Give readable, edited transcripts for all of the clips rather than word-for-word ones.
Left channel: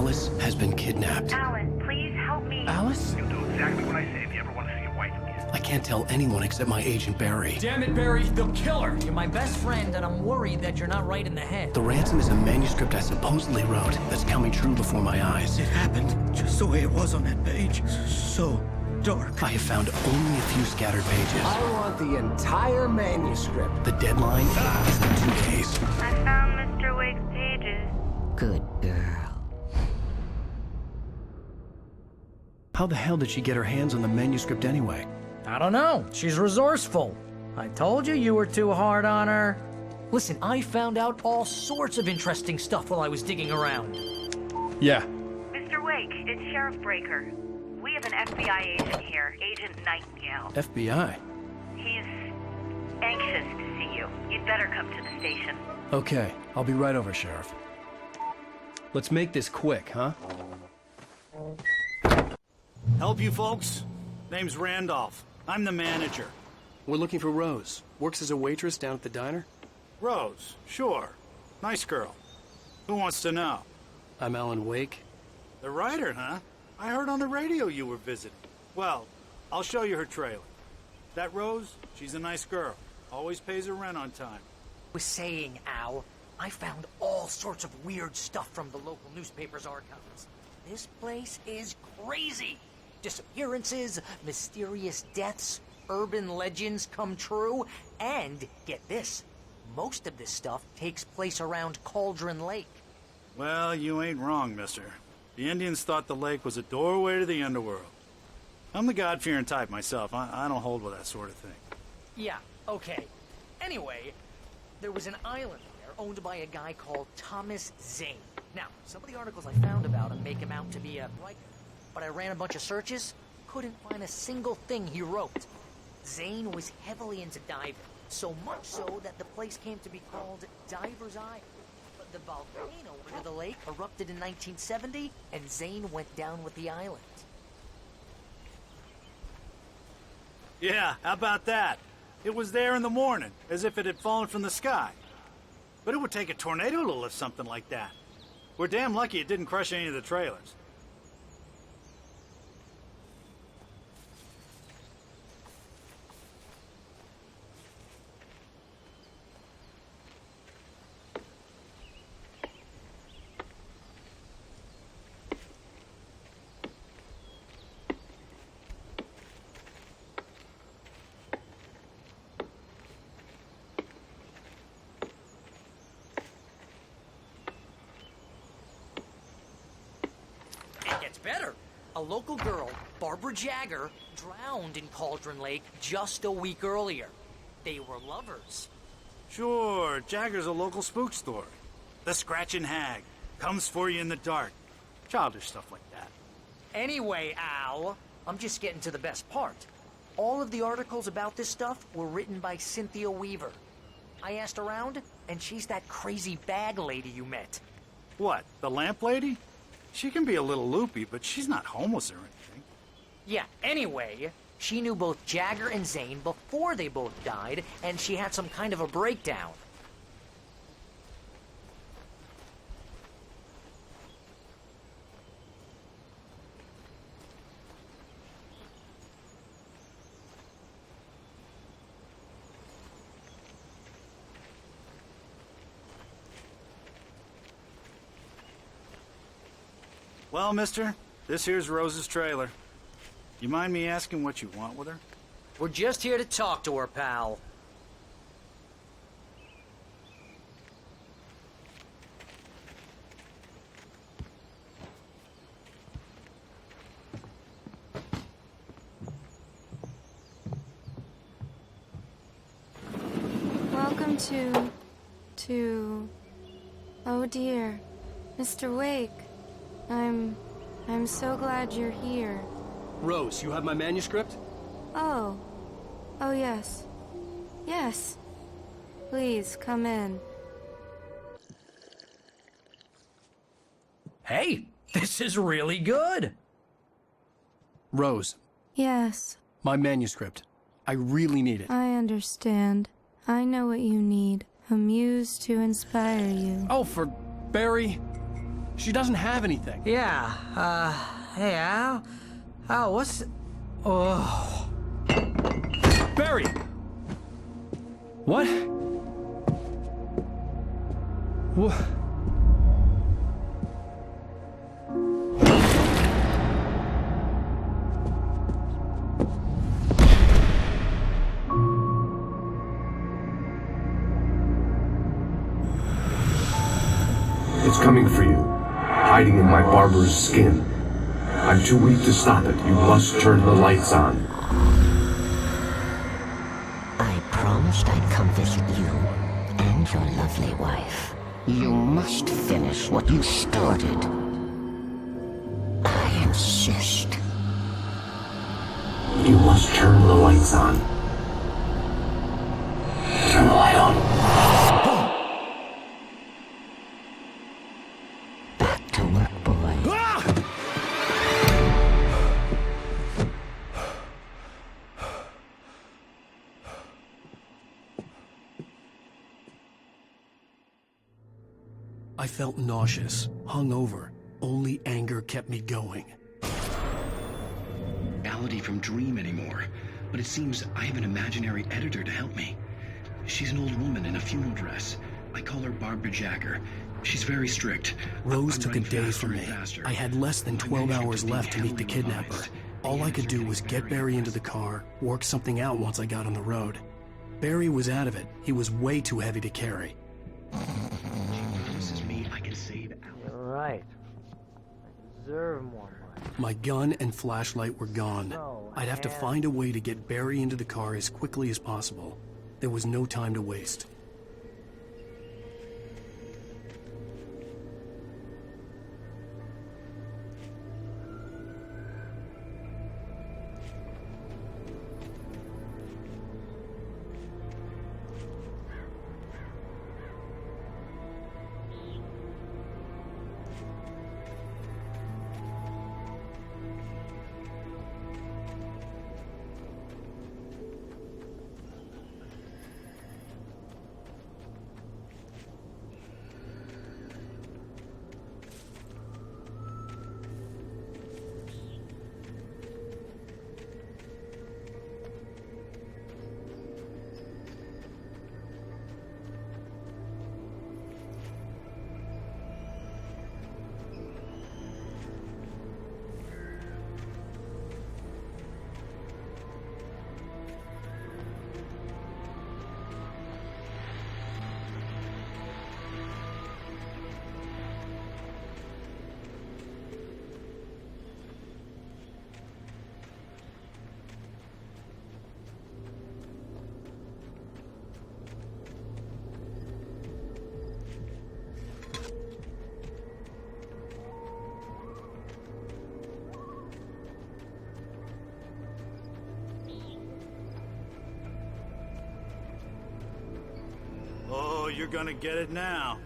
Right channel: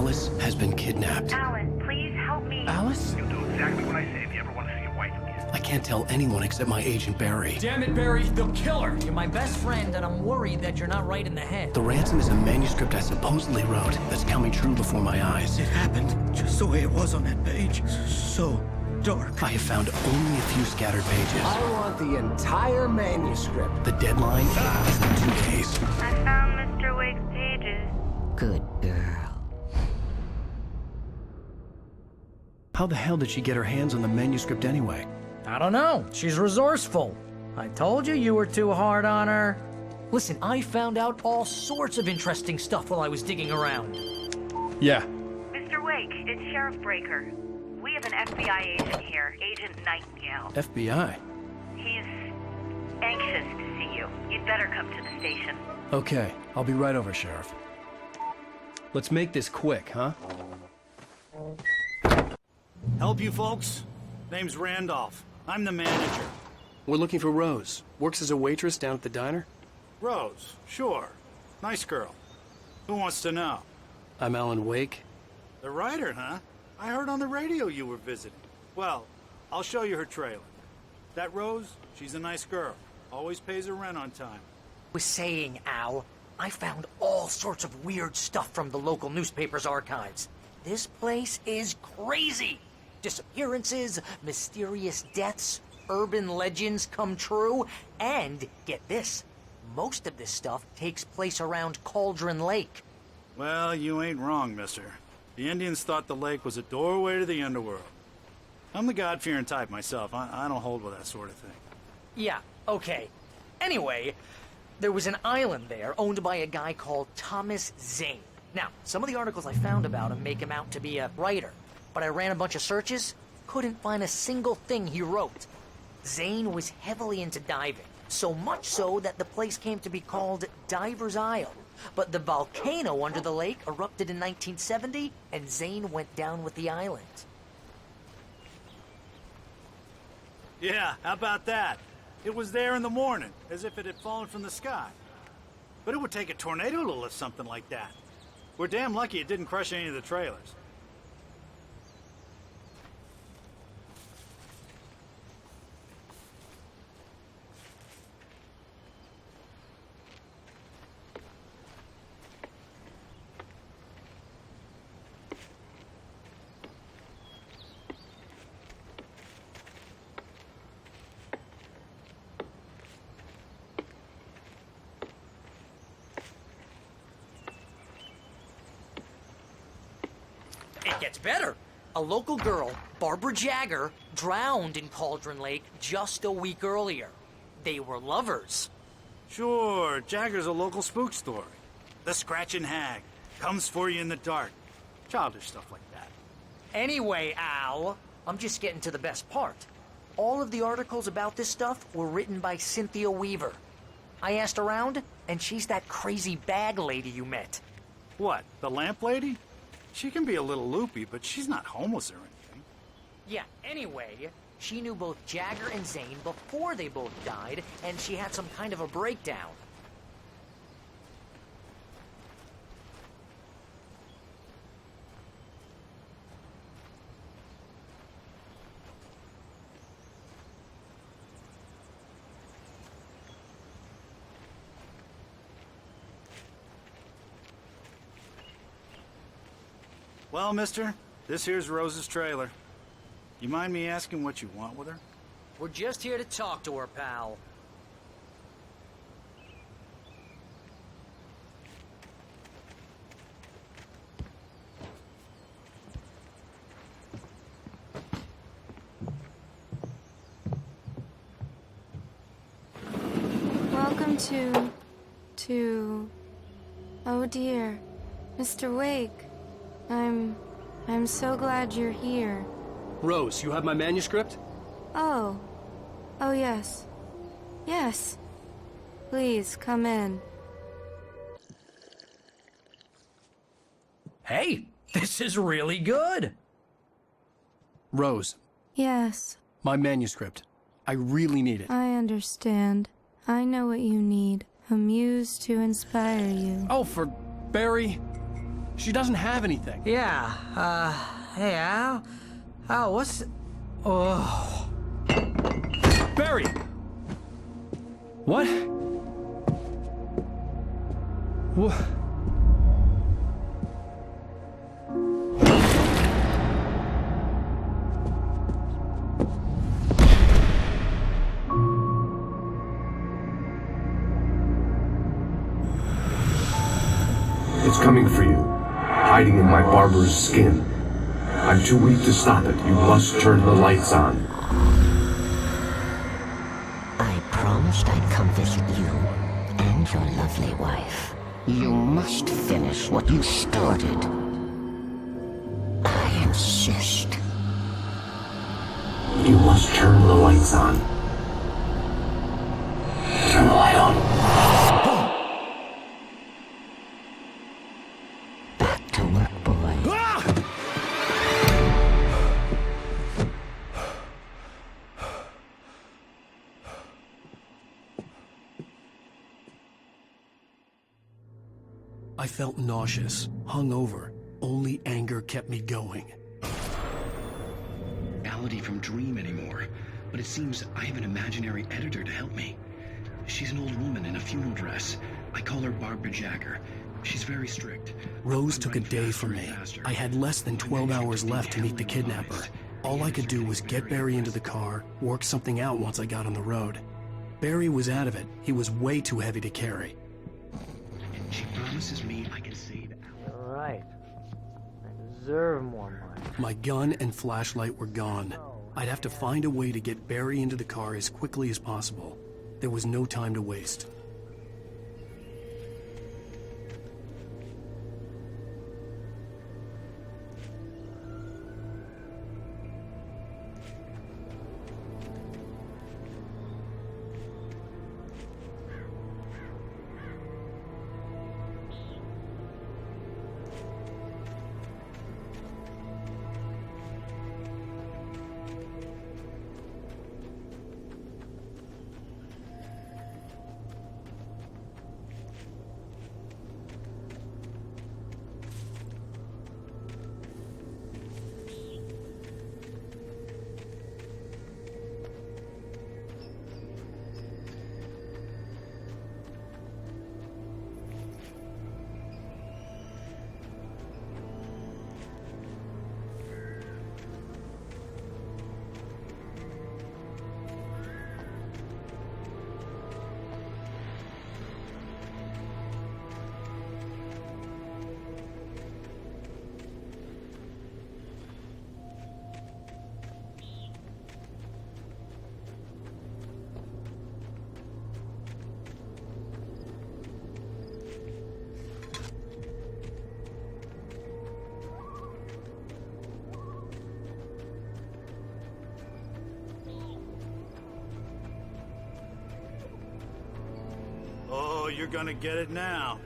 Alice has been kidnapped. Alan, please help me. Alice? You'll do exactly what I say if you ever want to see your wife again. I can't tell anyone except my agent Barry. Damn it, Barry, they'll kill her! You're my best friend, and I'm worried that you're not right in the head. The ransom is a manuscript I supposedly wrote that's coming true before my eyes. It happened just the way it was on that page. So dark. I have found only a few scattered pages. I want the entire manuscript. The deadline is in 2 days. I found Mr. Wake's pages. Good girl. How the hell did she get her hands on the manuscript anyway? I don't know. She's resourceful. I told you you were too hard on her. Listen, I found out all sorts of interesting stuff while I was digging around. Yeah. Mr. Wake, it's Sheriff Breaker. We have an FBI agent here, Agent Nightingale. FBI? He's anxious to see you. You'd better come to the station. Okay, I'll be right over, Sheriff. Let's make this quick, huh? Help you folks? Name's Randolph. I'm the manager. We're looking for Rose. Works as a waitress down at the diner. Rose, sure. Nice girl. Who wants to know? I'm Alan Wake. The writer, huh? I heard on the radio you were visiting. Well, I'll show you her trailer. That Rose, she's a nice girl. Always pays her rent on time. Was saying, Al, I found all sorts of weird stuff from the local newspaper's archives. This place is crazy. Disappearances, mysterious deaths, urban legends come true, and get this, most of this stuff takes place around Cauldron Lake. Well, you ain't wrong, mister. The Indians thought the lake was a doorway to the underworld. I'm the God-fearing type myself. I don't hold with that sort of thing. Yeah, okay. Anyway, there was an island there owned by a guy called Thomas Zane. Now, some of the articles I found about him make him out to be a writer, but I ran a bunch of searches, couldn't find a single thing he wrote. Zane was heavily into diving, so much so that the place came to be called Diver's Isle. But the volcano under the lake erupted in 1970, and Zane went down with the island. Yeah, how about that? It was there in the morning, as if it had fallen from the sky. But it would take a tornado to lift something like that. We're damn lucky it didn't crush any of the trailers. It gets better. A local girl, Barbara Jagger, drowned in Cauldron Lake just a week earlier. They were lovers. Sure, Jagger's a local spook story. The Scratching Hag comes for you in the dark. Childish stuff like that. Anyway, Al, I'm just getting to the best part. All of the articles about this stuff were written by Cynthia Weaver. I asked around, and she's that crazy bag lady you met. What, the lamp lady? She can be a little loopy, but she's not homeless or anything. Yeah, anyway, she knew both Jagger and Zane before they both died, and she had some kind of a breakdown. Well, mister, this here's Rose's trailer. You mind me asking what you want with her? We're just here to talk to her, pal. Welcome to... Oh dear, Mr. Wake. I'm so glad you're here. Rose, you have my manuscript? Oh. Oh, yes. Yes. Please, come in. Hey, this is really good. Rose, Yes, my manuscript. I really need it. I understand. I know what you need. A muse to inspire you. Oh, for Barry. She doesn't have anything. Yeah, hey, Al? Al, what's... Oh... Barry! What? What? It's coming for you, hiding in my barber's skin. I'm too weak to stop it. You must turn the lights on. I promised I'd come visit you and your lovely wife. You must finish what you started. I insist. You must turn the lights on. Turn the light on. Back to work, boy. I felt nauseous, hungover. Only anger kept me going. Reality from Dream anymore, but it seems I have an imaginary editor to help me. She's an old woman in a funeral dress. I call her Barbara Jacker. She's very strict. Rose I'm took a running day faster from and me. faster. I had less than My 12 manuscript hours is being left to meet the heavily kidnapper. revised. All I could do was get Barry into the car, work something out once I got on the road. Barry was out of it. He was way too heavy to carry. She promises me I can save Al. You're right. I deserve more money. My gun and flashlight were gone. No, I'd have to find a way to get Barry into the car as quickly as possible. There was no time to waste. Oh, you're gonna get it now.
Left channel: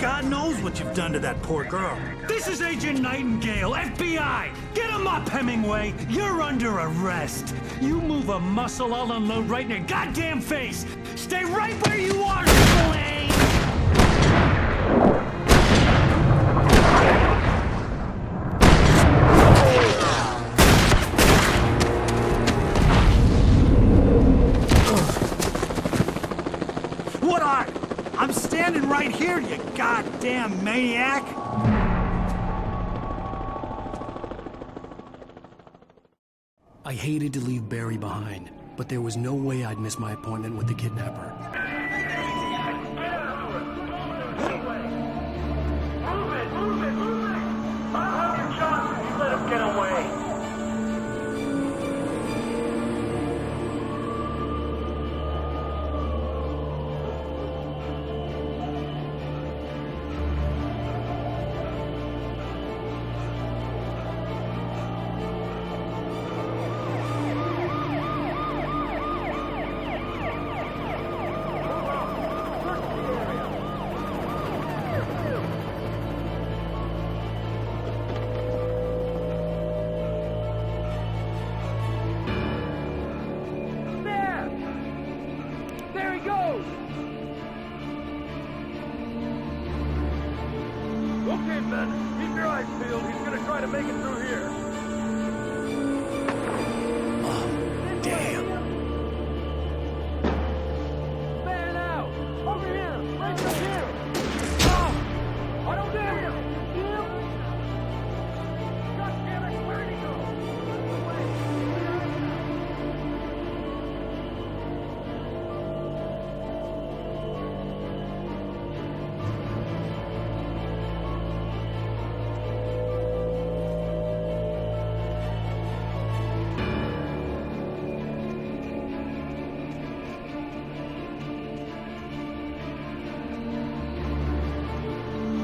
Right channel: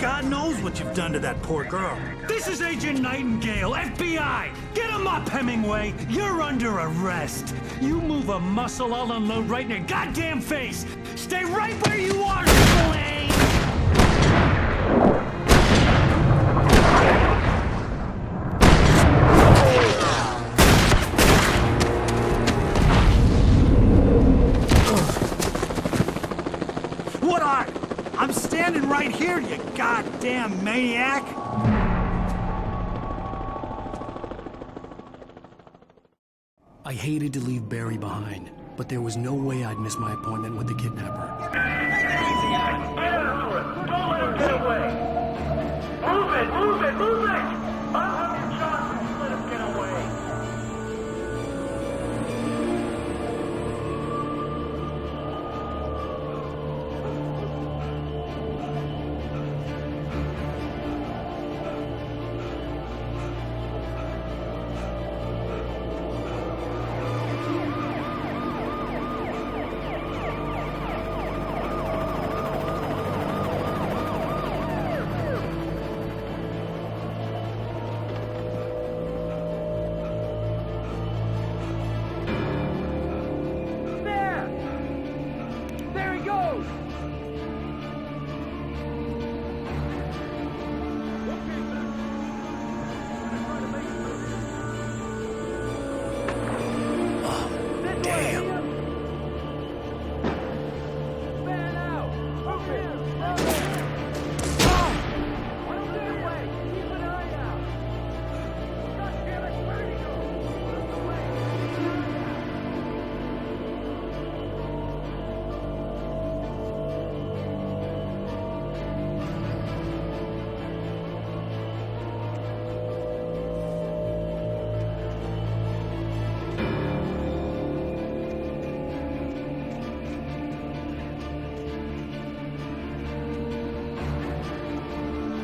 God knows what you've done to that poor girl. This is Agent Nightingale, FBI! Get him up, Hemingway! You're under arrest! You move a muscle, I'll unload right in your goddamn face! Stay right where you are, Triple A! What are? I'm standing right here, you goddamn maniac! I hated to leave Barry behind, but there was no way I'd miss my appointment with the kidnapper. Move it! I'll have your chance if you let him get away. Okay, men, keep your eyes peeled. He's gonna try to make it through here. Oh, damn. Fan out! Over here! Right here! Oh! I don't see him! Keep an eye out! Gosh damn it, where did he go? Out the way! Keep an eye out!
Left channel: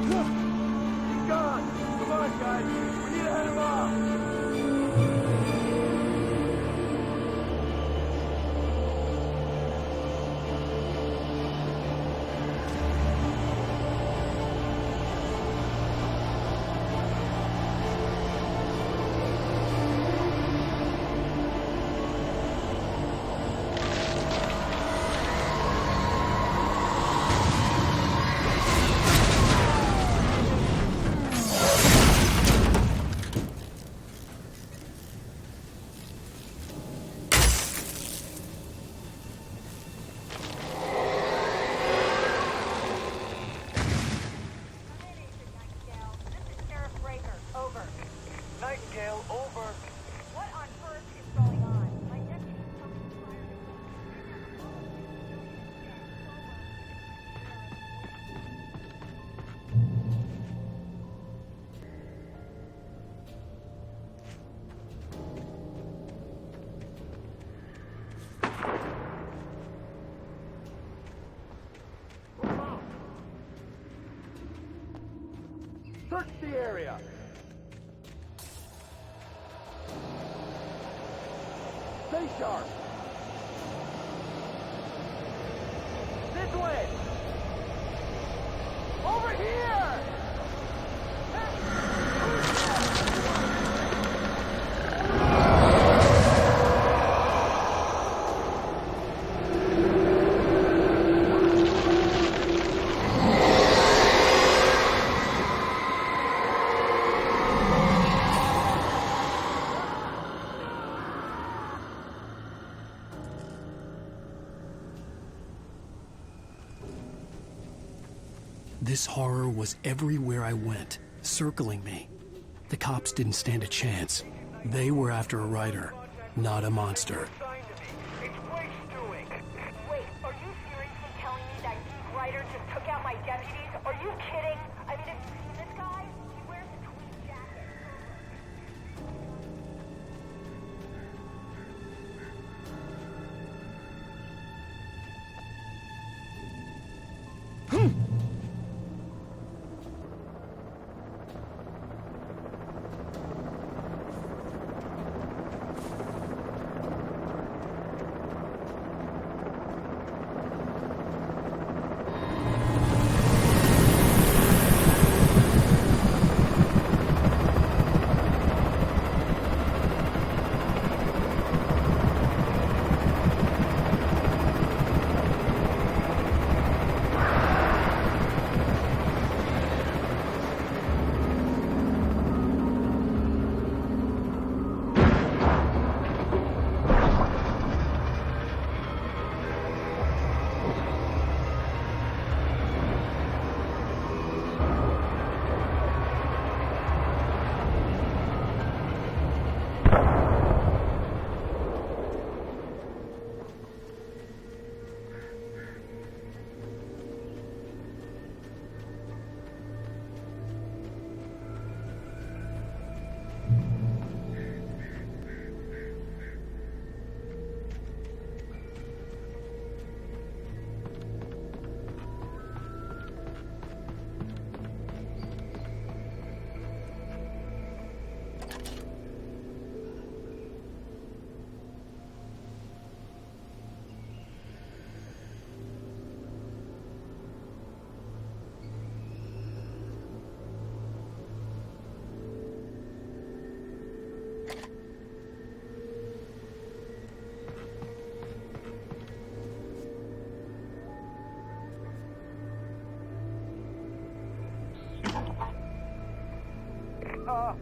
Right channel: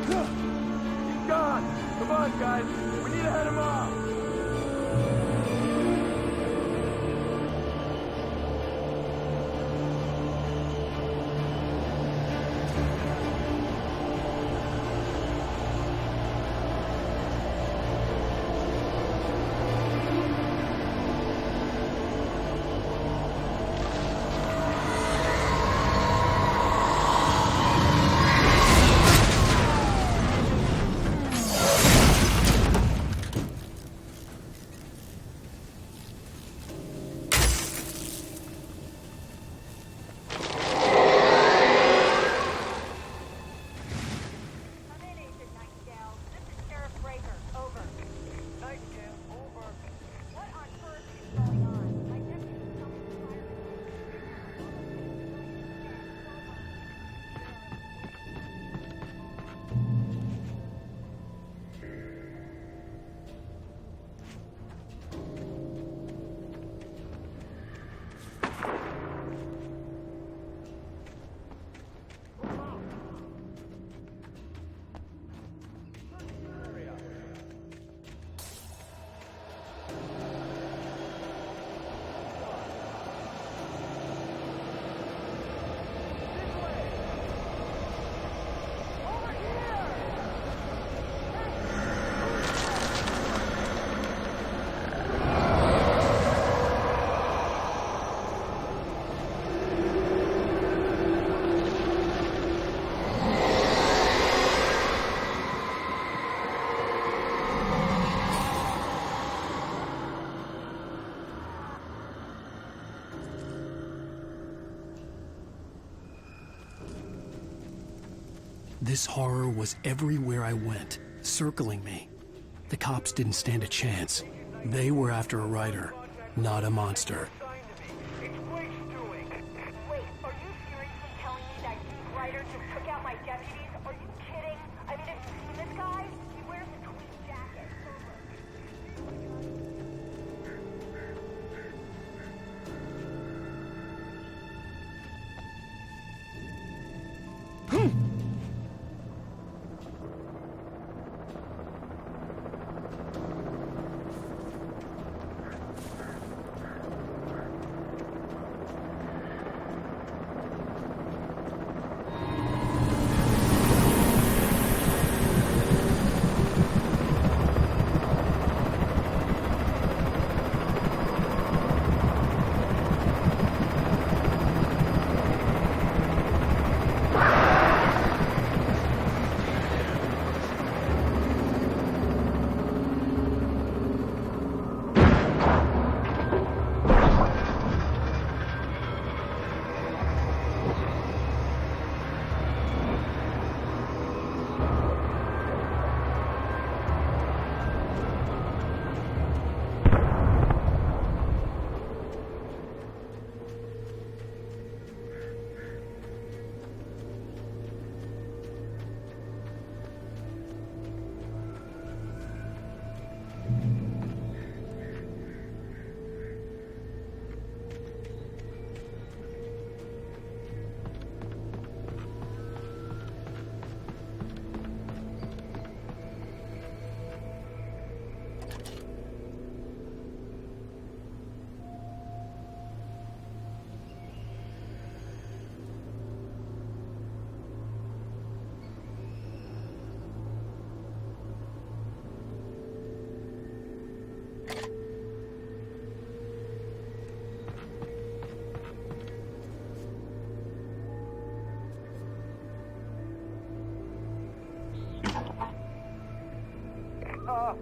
He's gone! Come on, guys! We need to head him off! Nightingale, over. What on earth is going on? My deputy told me to fire Search the area! Stay sharp! This way! Over here! Hey! Who's This horror was everywhere I went, circling me. The cops didn't stand a chance. They were after a writer, not a monster. It's Wake's doing! Wait, are you seriously telling me that geek writer just took out my deputies? Are you kidding? I mean, have you seen this guy? He wears a tweed jacket.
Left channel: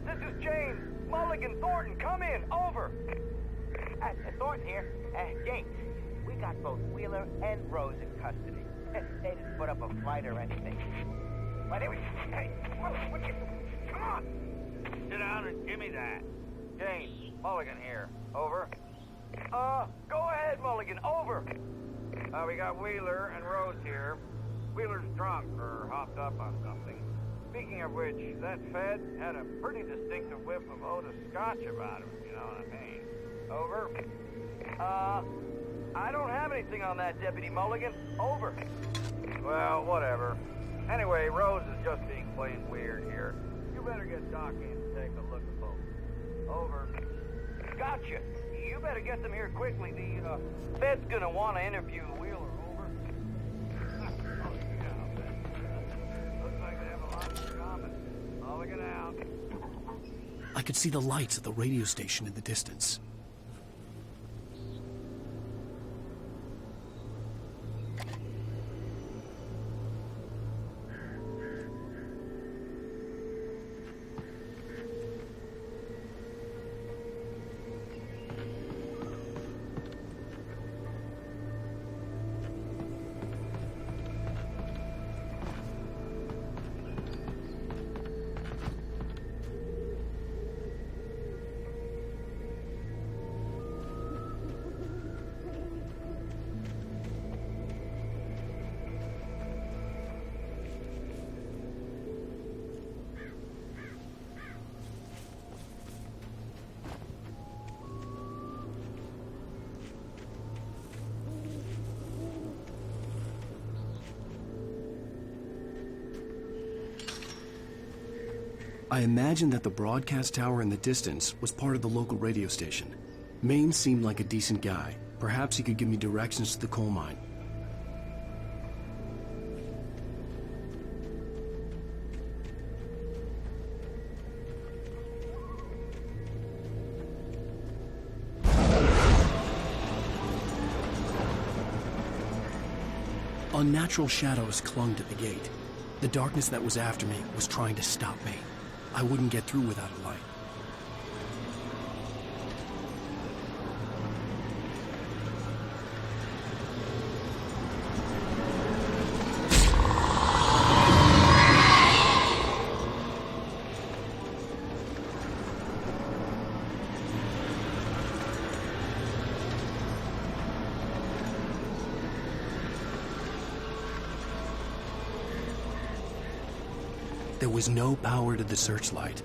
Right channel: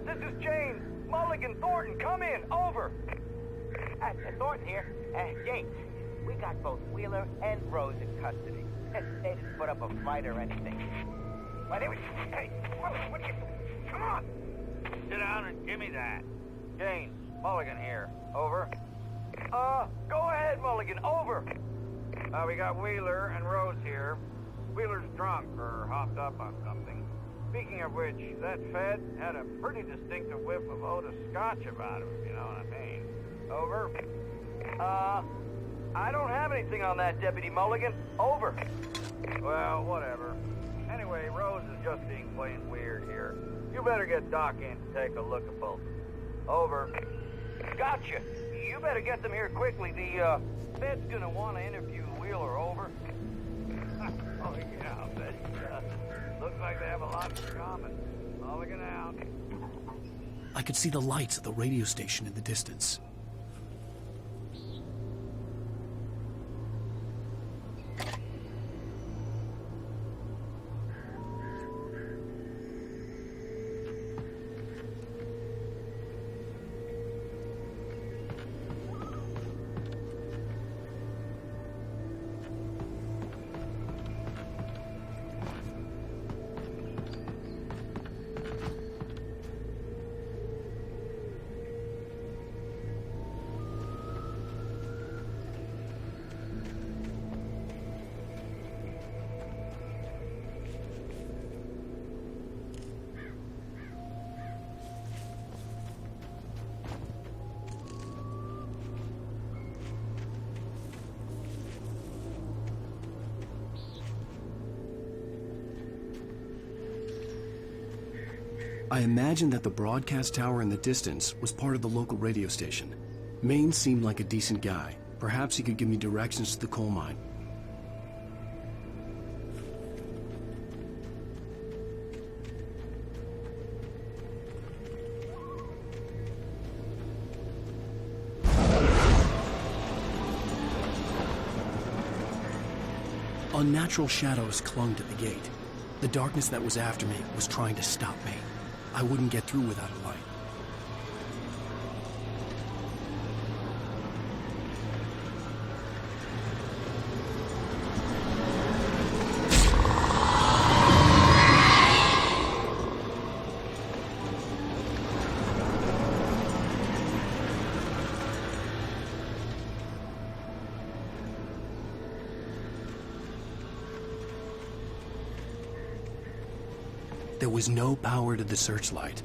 This is James. Mulligan, Thornton, come in. Over. Thornton here. James, we got both Wheeler and Rose in custody. They didn't put up a fight or anything. Why, they were... Hey, what are you doing? Come on! Sit down and give me that. James, Mulligan here. Over. Go ahead, Mulligan. Over. We got Wheeler and Rose here. Wheeler's drunk or hopped up on something. Speaking of which, that Fed had a pretty distinctive whiff of Otis Scotch about him, if you know what I mean. Over. I don't have anything on that, Deputy Mulligan. Over. Well, whatever. Anyway, Rose is just being plain weird here. You better get Doc in to take a look at both. Over. Gotcha. You better get them here quickly. The Fed's gonna want to interview Wheeler. Over. Oh, yeah, I'll bet he does. Looks like they have a lot in common. Mulligan out. I could see the lights of the radio station in the distance. I imagined that the broadcast tower in the distance was part of the local radio station. Maine seemed like a decent guy. Perhaps he could give me directions to the coal mine. Unnatural shadows clung to the gate. The darkness that was after me was trying to stop me. I wouldn't get through without a light. There was no power to the searchlight.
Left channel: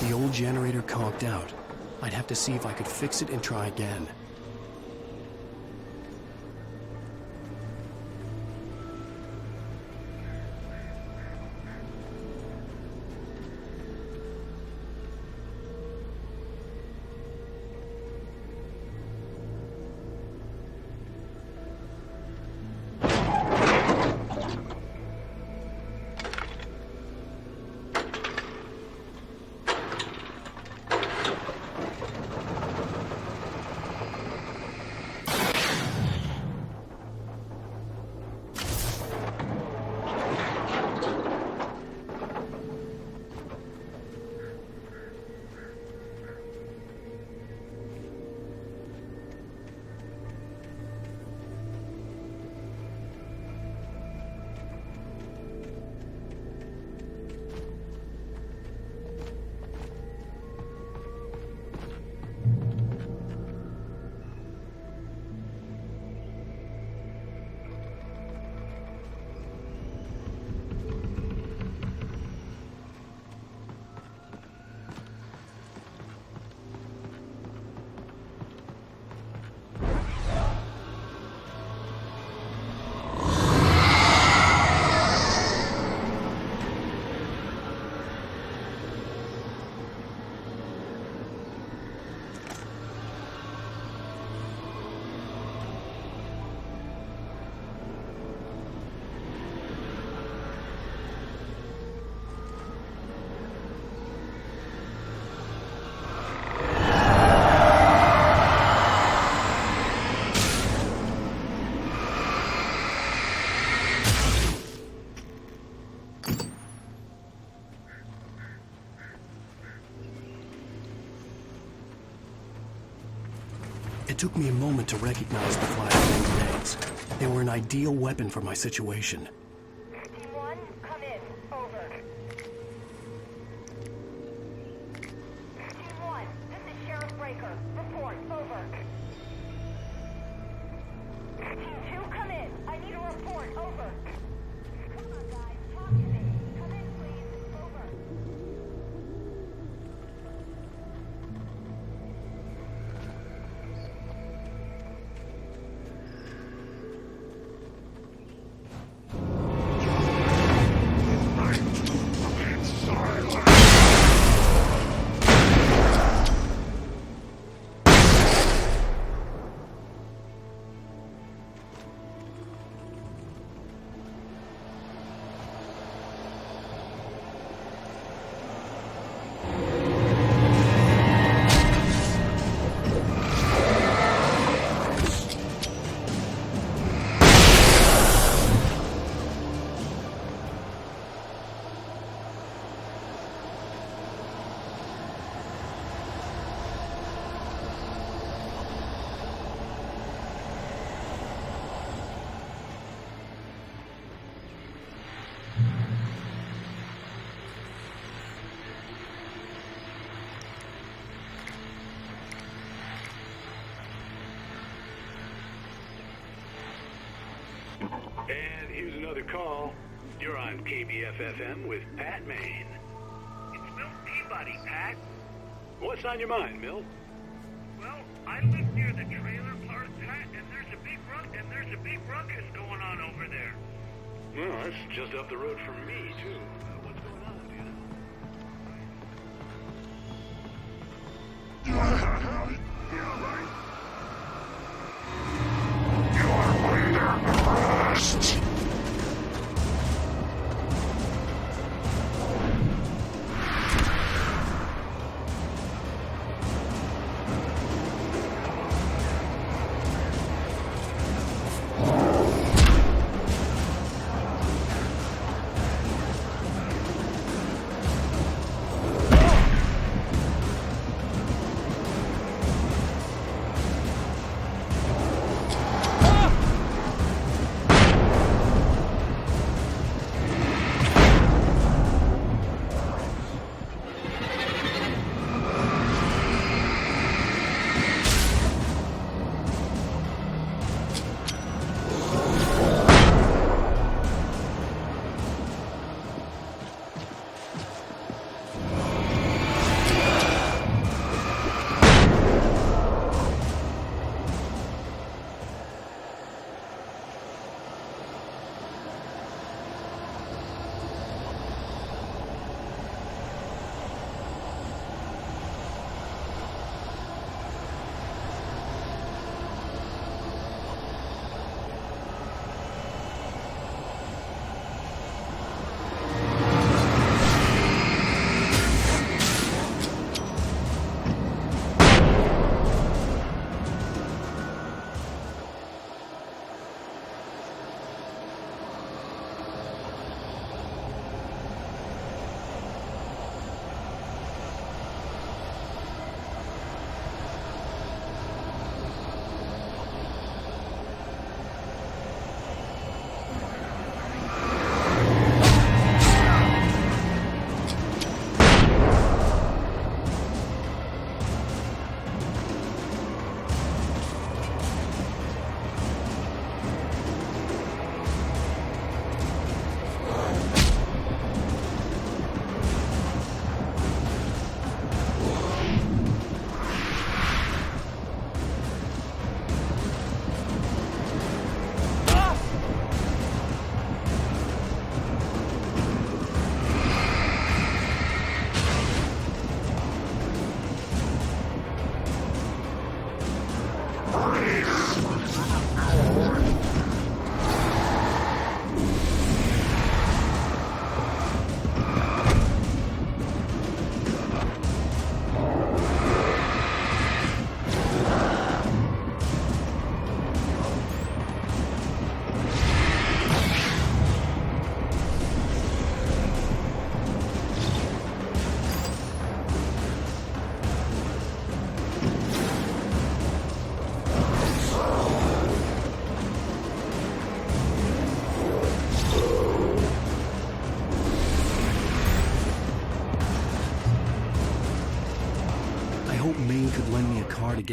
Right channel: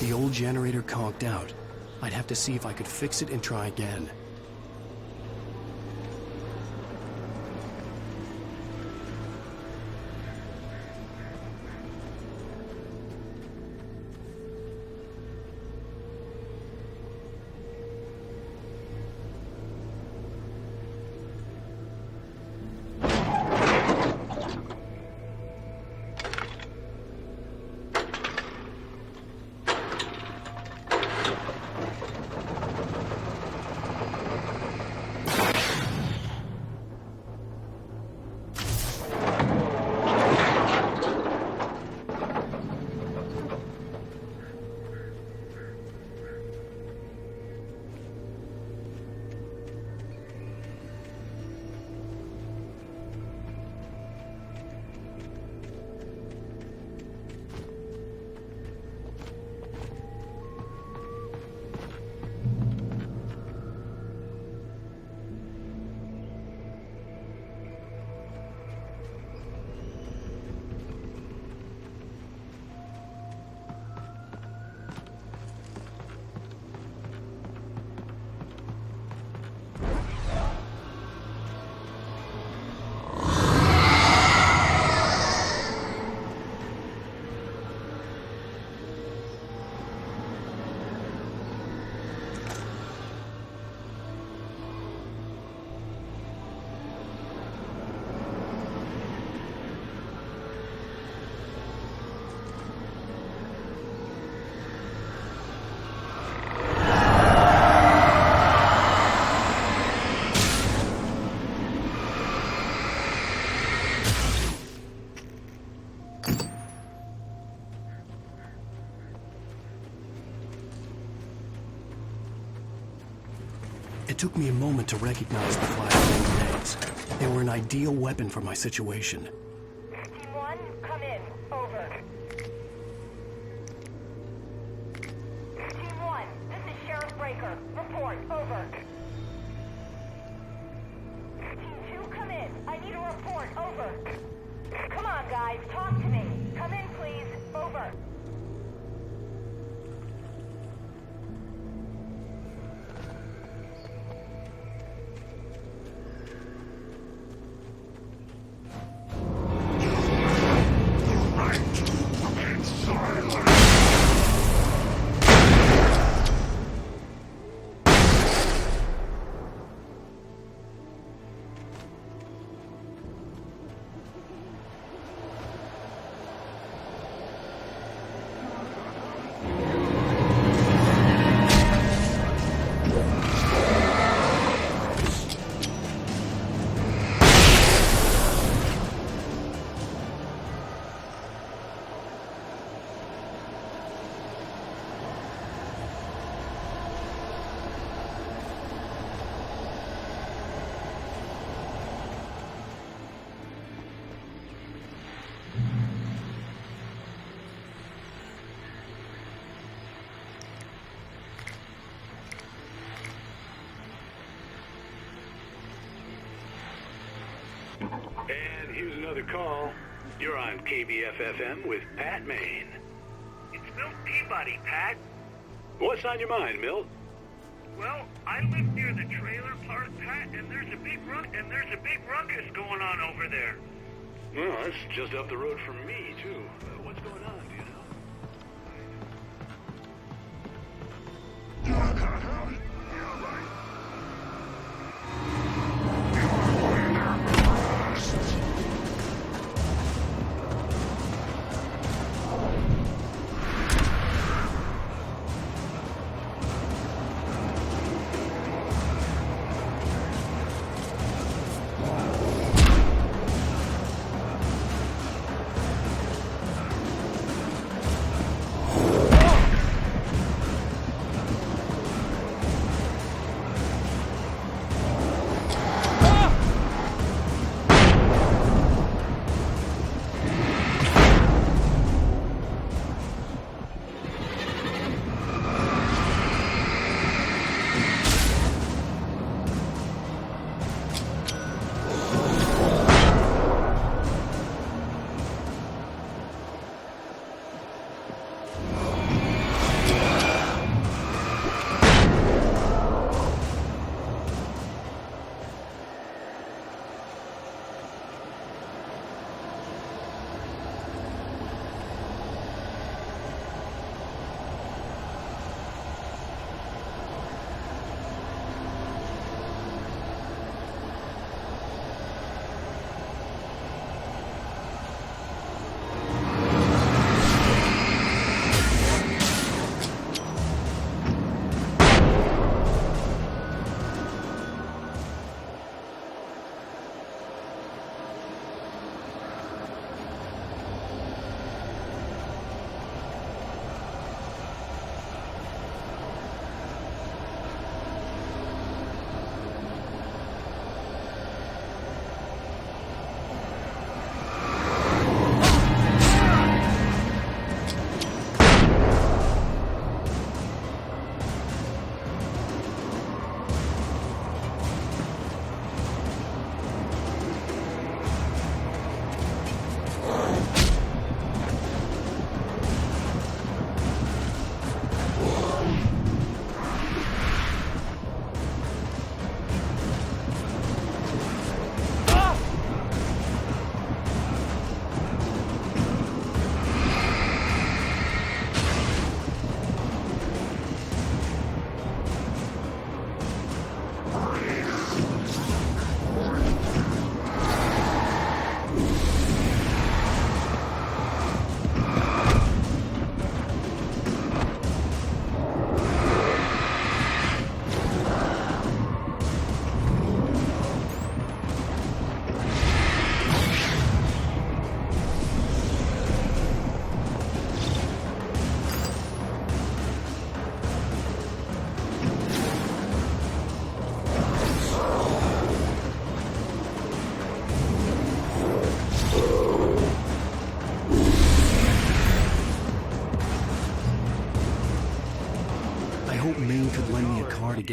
The old generator conked out. I'd have to see if I could fix it and try again. It took me a moment to recognize the flashbang grenades. They were an ideal weapon for my situation. Team 1, come in. Over. Team 1, this is Sheriff Breaker. Report. Over. Team 2, come in. I need a report. Over. Come on, guys. Talk to me. Come in, please. Over. And here's another call. You're on KBF-FM with Pat Maine. It's Milt Peabody, Pat. What's on your mind, Milt? Well, I live near the trailer park, Pat, and there's a big ruckus going on over there. Well, that's just up the road from me, too. What's going on, do you know? Yeah, right. You're under arrest. hope Maine could lend me a car to get